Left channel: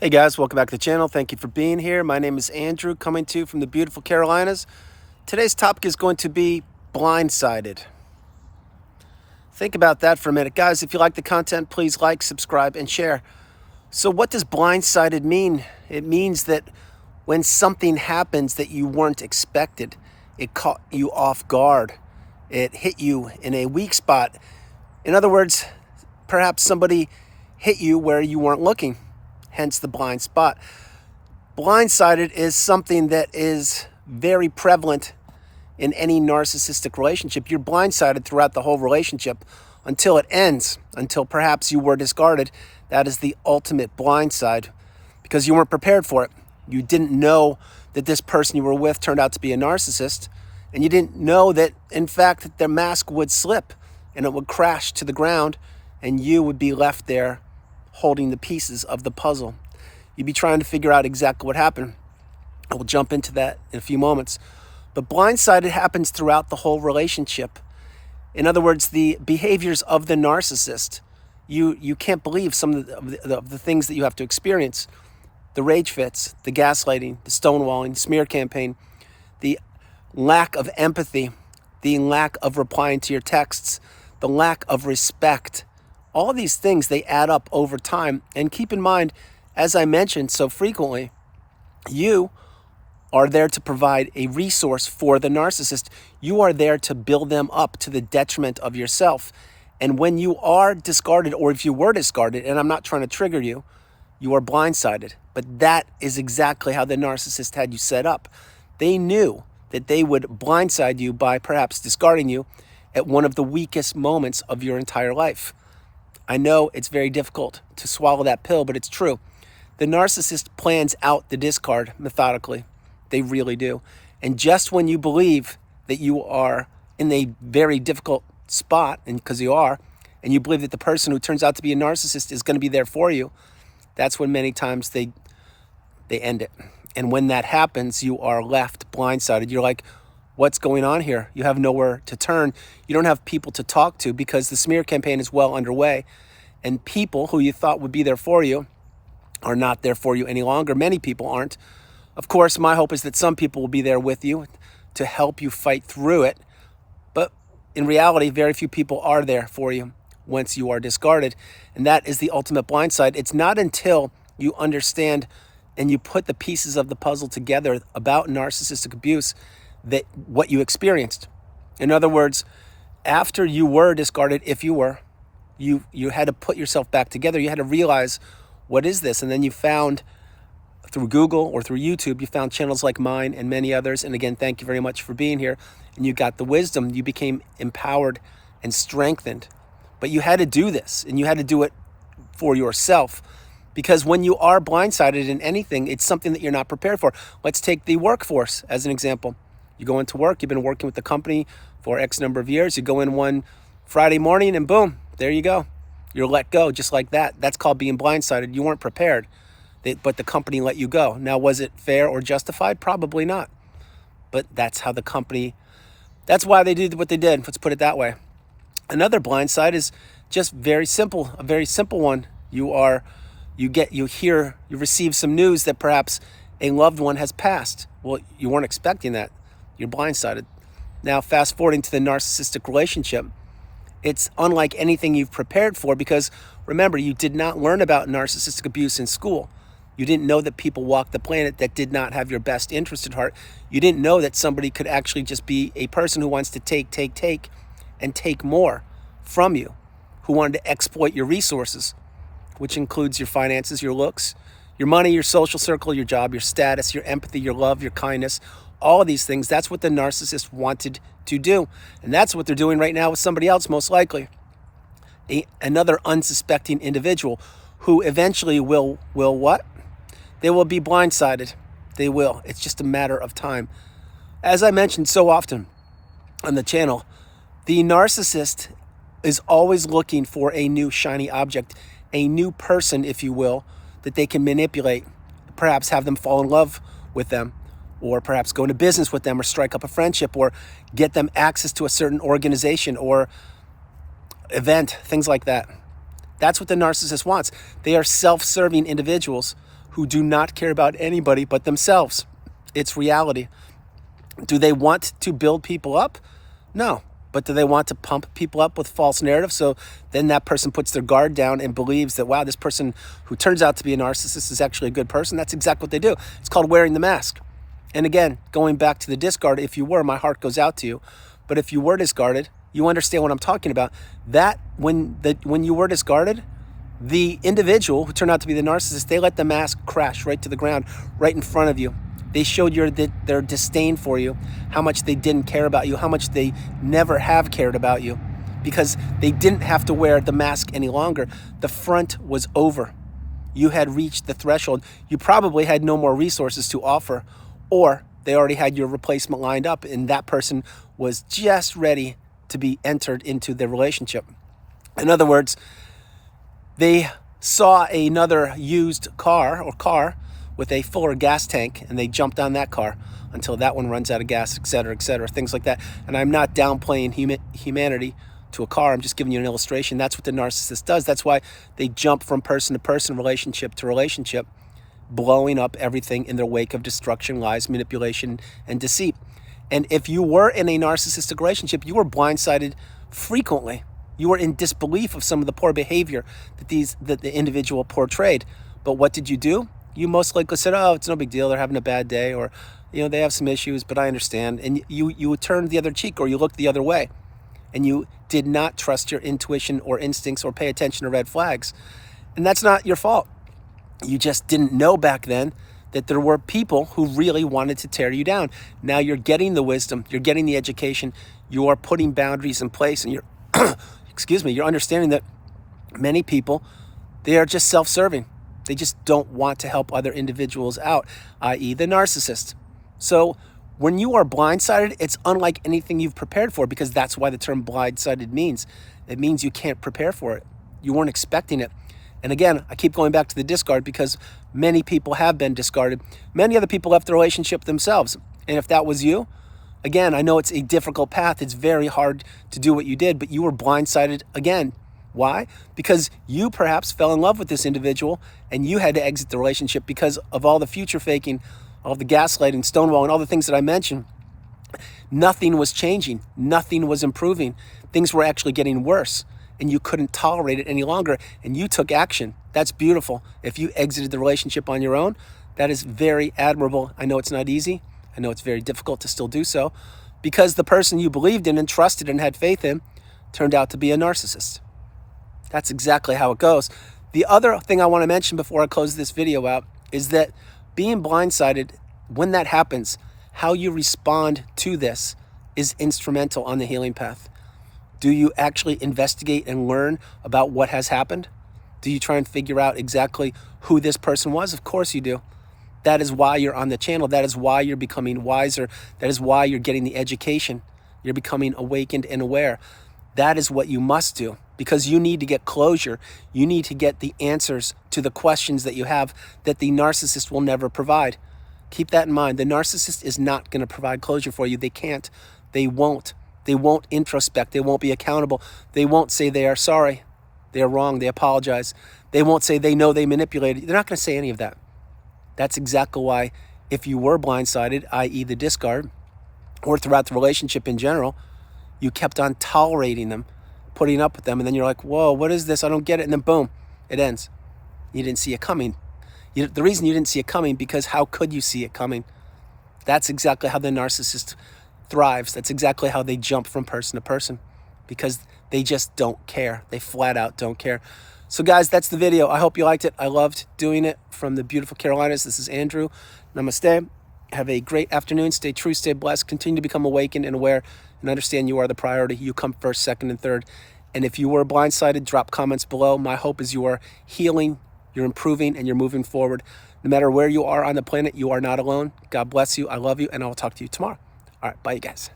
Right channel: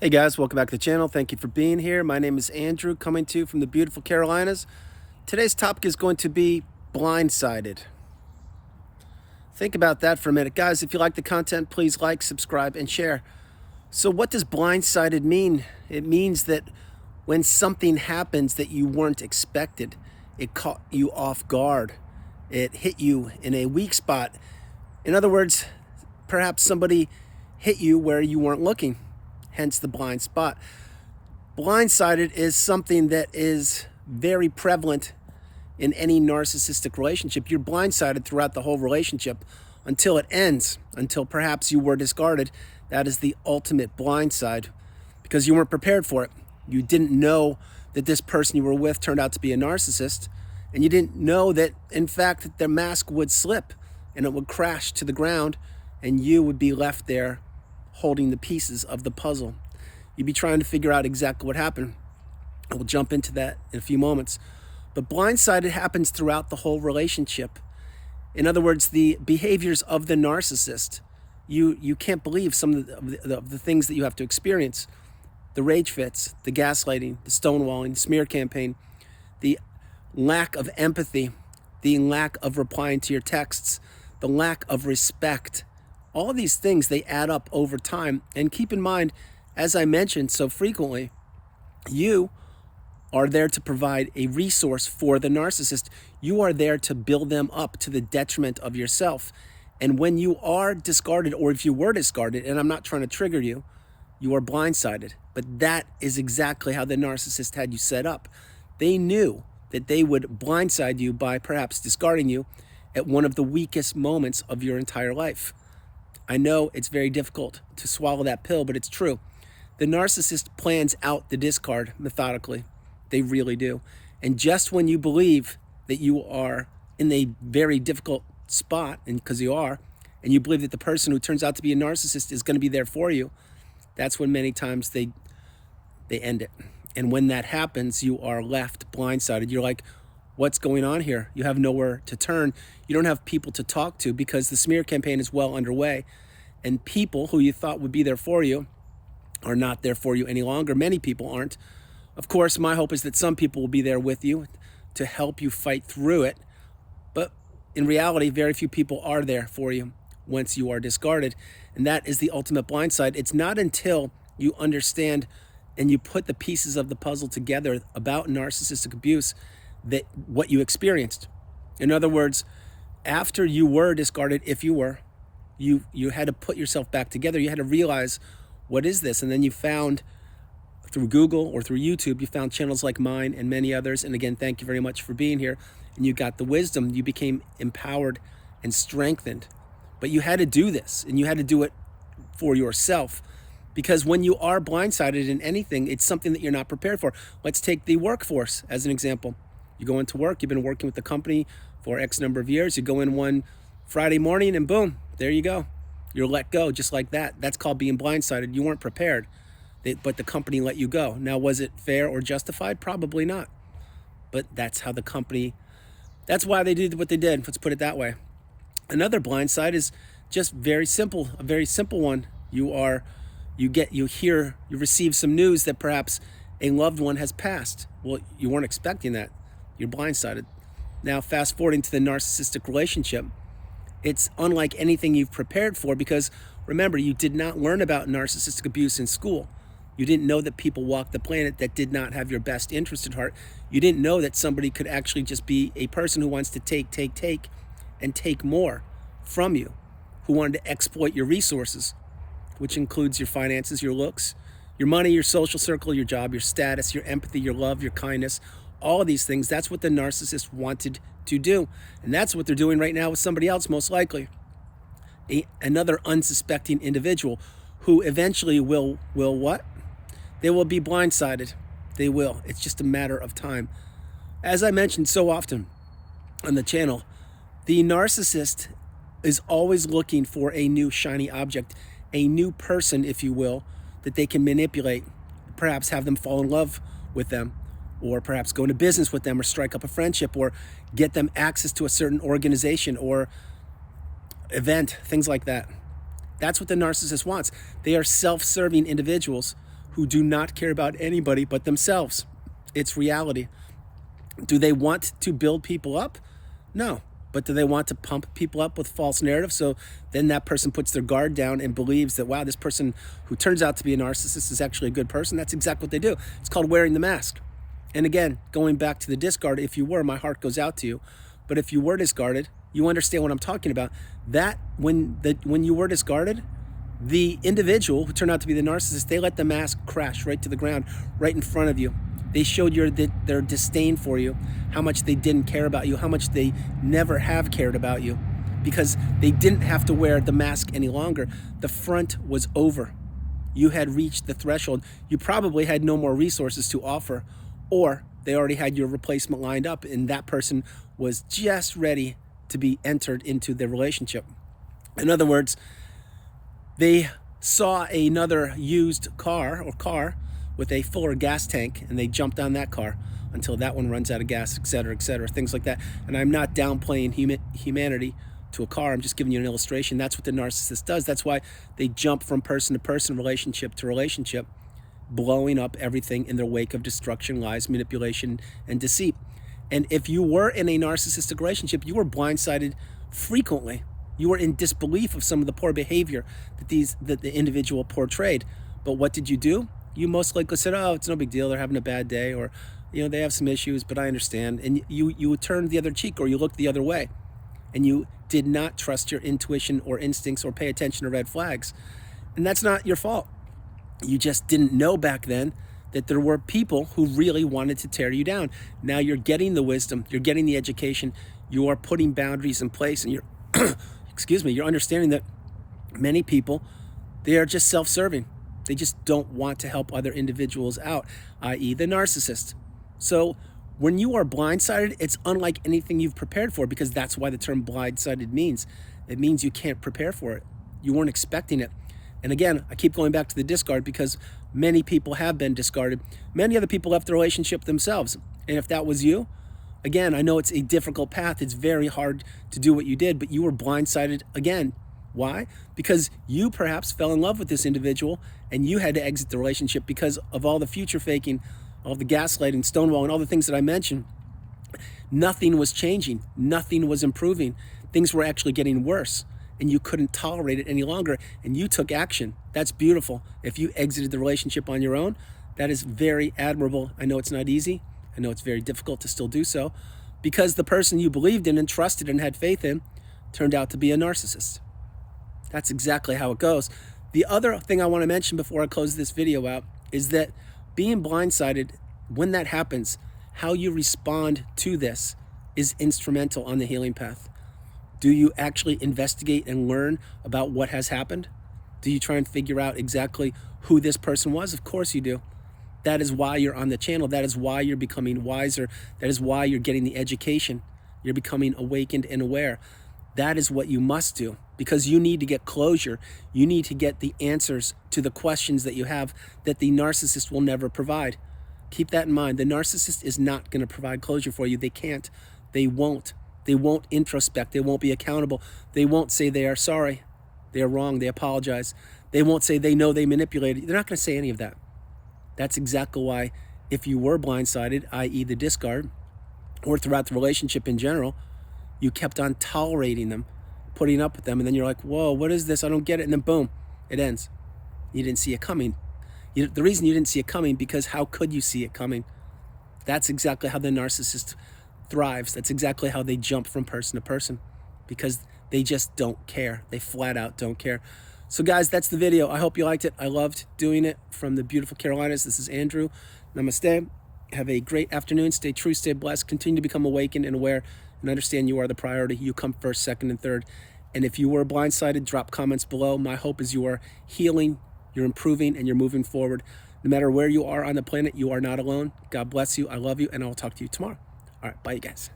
Hey guys, welcome back to the channel. Thank you for being here. My name is Andrew, coming to you from the beautiful Carolinas. Today's topic is going to be blindsided. Think about that for a minute. Guys, if you like the content, please like, subscribe, and share. So what does blindsided mean? It means that when something happens that you weren't expected, it caught you off guard. It hit you in a weak spot. In other words, perhaps somebody hit you where you weren't looking, hence the blind spot. Blindsided is something that is very prevalent in any narcissistic relationship. You're blindsided throughout the whole relationship until it ends, until perhaps you were discarded. That is the ultimate blindside because you weren't prepared for it. You didn't know that this person you were with turned out to be a narcissist, and you didn't know that, in fact, that their mask would slip and it would crash to the ground and you would be left there holding the pieces of the puzzle. You'd be trying to figure out exactly what happened. I will jump into that in a few moments. But blindsided happens throughout the whole relationship. In other words, the behaviors of the narcissist, you can't believe some of the things that you have to experience. The rage fits, the gaslighting, the stonewalling, smear campaign, the lack of empathy, the lack of replying to your texts, the lack of respect. All of these things, they add up over time. And keep in mind, as I mentioned so frequently, you are there to provide a resource for the narcissist. You are there to build them up to the detriment of yourself. And when you are discarded, or if you were discarded, and I'm not trying to trigger you, you are blindsided. But that is exactly how the narcissist had you set up. They knew that they would blindside you by perhaps discarding you at one of the weakest moments of your entire life. I know it's very difficult to swallow that pill, but it's true. The narcissist plans out the discard methodically. They really do. And just when you believe that you are in a very difficult spot, and because you are, and you believe that the person who turns out to be a narcissist is going to be there for you, that's when many times they end it. And when that happens, you are left blindsided. You're like, what's going on here? You have nowhere to turn. You don't have people to talk to because the smear campaign is well underway. And people who you thought would be there for you are not there for you any longer. Many people aren't. Of course, my hope is that some people will be there with you to help you fight through it. But in reality, very few people are there for you once you are discarded. And that is the ultimate blindside. It's not until you understand and you put the pieces of the puzzle together about narcissistic abuse that what you experienced. In other words, after you were discarded, if you were, you had to put yourself back together. You had to realize, what is this? And then you found, through Google or through YouTube, you found channels like mine and many others. And again, thank you very much for being here. And you got the wisdom. You became empowered and strengthened. But you had to do this, and you had to do it for yourself. Because when you are blindsided in anything, it's something that you're not prepared for. Let's take the workforce as an example. You go into work, you've been working with the company for X number of years. You go in one Friday morning and boom, there you go. You're let go just like that. That's called being blindsided. You weren't prepared, but the company let you go. Now, was it fair or justified? Probably not. But that's how the company, that's why they did what they did. Let's put it that way. Another blindside is just very simple, a very simple one. You receive some news that perhaps a loved one has passed. Well, you weren't expecting that. You're blindsided. Now, fast forwarding to the narcissistic relationship, it's unlike anything you've prepared for because, remember, you did not learn about narcissistic abuse in school. You didn't know that people walk the planet that did not have your best interest at heart. You didn't know that somebody could actually just be a person who wants to take, and take more from you, who wanted to exploit your resources, which includes your finances, your looks, your money, your social circle, your job, your status, your empathy, your love, your kindness, all of these things. That's what the narcissist wanted to do. And that's what they're doing right now with somebody else, most likely. Another unsuspecting individual who eventually will what? They will be blindsided. They will. It's just a matter of time. As I mentioned so often on the channel, the narcissist is always looking for a new shiny object, a new person, if you will, that they can manipulate, perhaps have them fall in love with them, or perhaps go into business with them, or strike up a friendship, or get them access to a certain organization or event, things like that. That's what the narcissist wants. They are self-serving individuals who do not care about anybody but themselves. It's reality. Do they want to build people up? No. But do they want to pump people up with false narratives? So then that person puts their guard down and believes that, wow, this person who turns out to be a narcissist is actually a good person. That's exactly what they do. It's called wearing the mask. And again, going back to the discard, if you were, my heart goes out to you. But if you were discarded, you understand what I'm talking about. That when you were discarded, the individual who turned out to be the narcissist, they let the mask crash right to the ground, right in front of you. They showed their disdain for you, how much they didn't care about you, how much they never have cared about you, because they didn't have to wear the mask any longer. The front was over. You had reached the threshold. You probably had no more resources to offer, or they already had your replacement lined up, and that person was just ready to be entered into the relationship. In other words, they saw another used car with a fuller gas tank, and they jumped on that car until that one runs out of gas, et cetera, things like that. And I'm not downplaying humanity to a car. I'm just giving you an illustration. That's what the narcissist does. That's why they jump from person to person, relationship to relationship, blowing up everything in their wake of destruction, lies, manipulation, and deceit. And if you were in a narcissistic relationship, you were blindsided frequently. You were in disbelief of some of the poor behavior that the individual portrayed. But what did you do? You most likely said, oh, it's no big deal. They're having a bad day, or, they have some issues, but I understand. And you turned the other cheek, or you looked the other way. And you did not trust your intuition or instincts or pay attention to red flags. And that's not your fault. You just didn't know back then that there were people who really wanted to tear you down. Now you're getting the wisdom, you're getting the education, you are putting boundaries in place, and you're, you're understanding that many people, they are just self-serving. They just don't want to help other individuals out, i.e. the narcissist. So when you are blindsided, it's unlike anything you've prepared for, because that's why the term blindsided means. It means you can't prepare for it. You weren't expecting it. And again, I keep going back to the discard because many people have been discarded. Many other people left the relationship themselves. And if that was you, again, I know it's a difficult path. It's very hard to do what you did, but you were blindsided again. Why? Because you perhaps fell in love with this individual and you had to exit the relationship because of all the future faking, all the gaslighting, stonewalling, all the things that I mentioned. Nothing was changing. Nothing was improving. Things were actually getting worse, and you couldn't tolerate it any longer, and you took action. That's beautiful. If you exited the relationship on your own, that is very admirable. I know it's not easy. I know it's very difficult to still do so, because the person you believed in and trusted and had faith in turned out to be a narcissist. That's exactly how it goes. The other thing I want to mention before I close this video out is that being blindsided, when that happens, how you respond to this is instrumental on the healing path. Do you actually investigate and learn about what has happened? Do you try and figure out exactly who this person was? Of course you do. That is why you're on the channel. That is why you're becoming wiser. That is why you're getting the education. You're becoming awakened and aware. That is what you must do, because you need to get closure. You need to get the answers to the questions that you have that the narcissist will never provide. Keep that in mind. The narcissist is not going to provide closure for you. They can't. They won't. They won't introspect. They won't be accountable. They won't say they are sorry. They are wrong. They apologize. They won't say they know they manipulated. They're not going to say any of that. That's exactly why if you were blindsided, i.e. the discard, or throughout the relationship in general, you kept on tolerating them, putting up with them, and then you're like, whoa, what is this? I don't get it. And then boom, it ends. You didn't see it coming. The reason you didn't see it coming, because how could you see it coming? That's exactly how the narcissist thrives. That's exactly how they jump from person to person, because they just don't care. They flat out don't care. So guys, that's the video. I hope you liked it. I loved doing it from the beautiful Carolinas. This is Andrew. Namaste. Have a great afternoon. Stay true, stay blessed. Continue to become awakened and aware, and understand you are the priority. You come first, second, and third. And if you were blindsided, drop comments below. My hope is you are healing, you're improving, and you're moving forward. No matter where you are on the planet, you are not alone. God bless you. I love you, and I will talk to you tomorrow. All right, bye, you guys.